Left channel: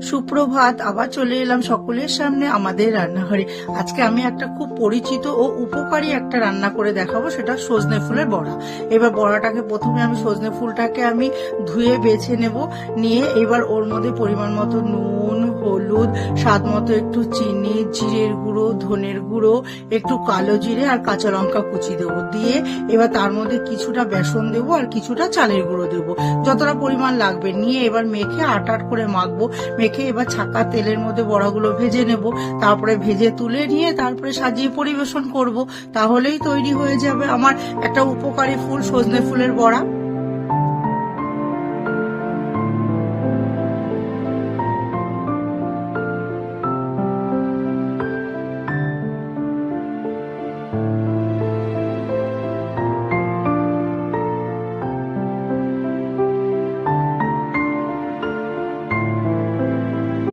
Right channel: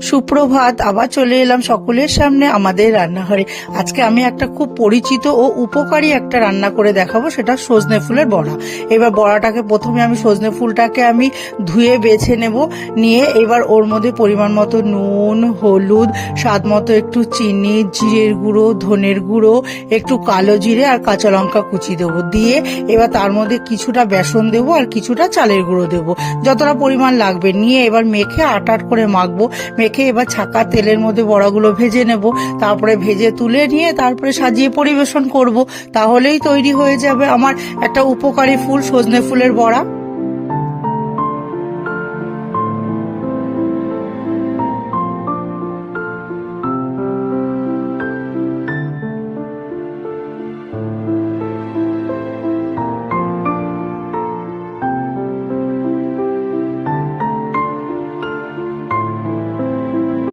সুপ্রভাত, আবার চলে এলাম সকলের সামনে আমাদের রান্নাঘরে। আজকে আমি একটা খুব পরিচিত ও উপকারী একটা রান্না করে দেখাবো, সেটা সজনে ফুলের বড়া। এবার বড়াটাকে প্রথমে আমি সজনে ফুলটাকে আমি ধুয়ে বেছে নেব, নিয়ে এবার ওর মধ্যে পরিমাণ মতো নুন, হলুদ, স্বাদ মতো একটু চিনি, জিরের গুঁড়ো, ধনের গুঁড়ো, একটু কালো জিরে আর কাঁচা লঙ্কা কুচি দেবো। দিয়ে এবার তার মধ্যে কিছুটা বেসন দেবো আর কিছুটা চালের গুঁড়ো দেবো, যতটা পরিমাণ লাগবে। নিয়ে এবার মেখে আট আট করে মাখবো। মেখে এবার ছাকা তেলের মধ্যে বড়াগুলো ভেজে নেব, তারপরে ভেজে তুলে নিয়ে তারপরে সাজিয়ে পরিবেশন করব। তাহলেই তৈরি হয়ে যাবে আমার একটা উপকারী ফুল, সজনে ফুলের বড়া।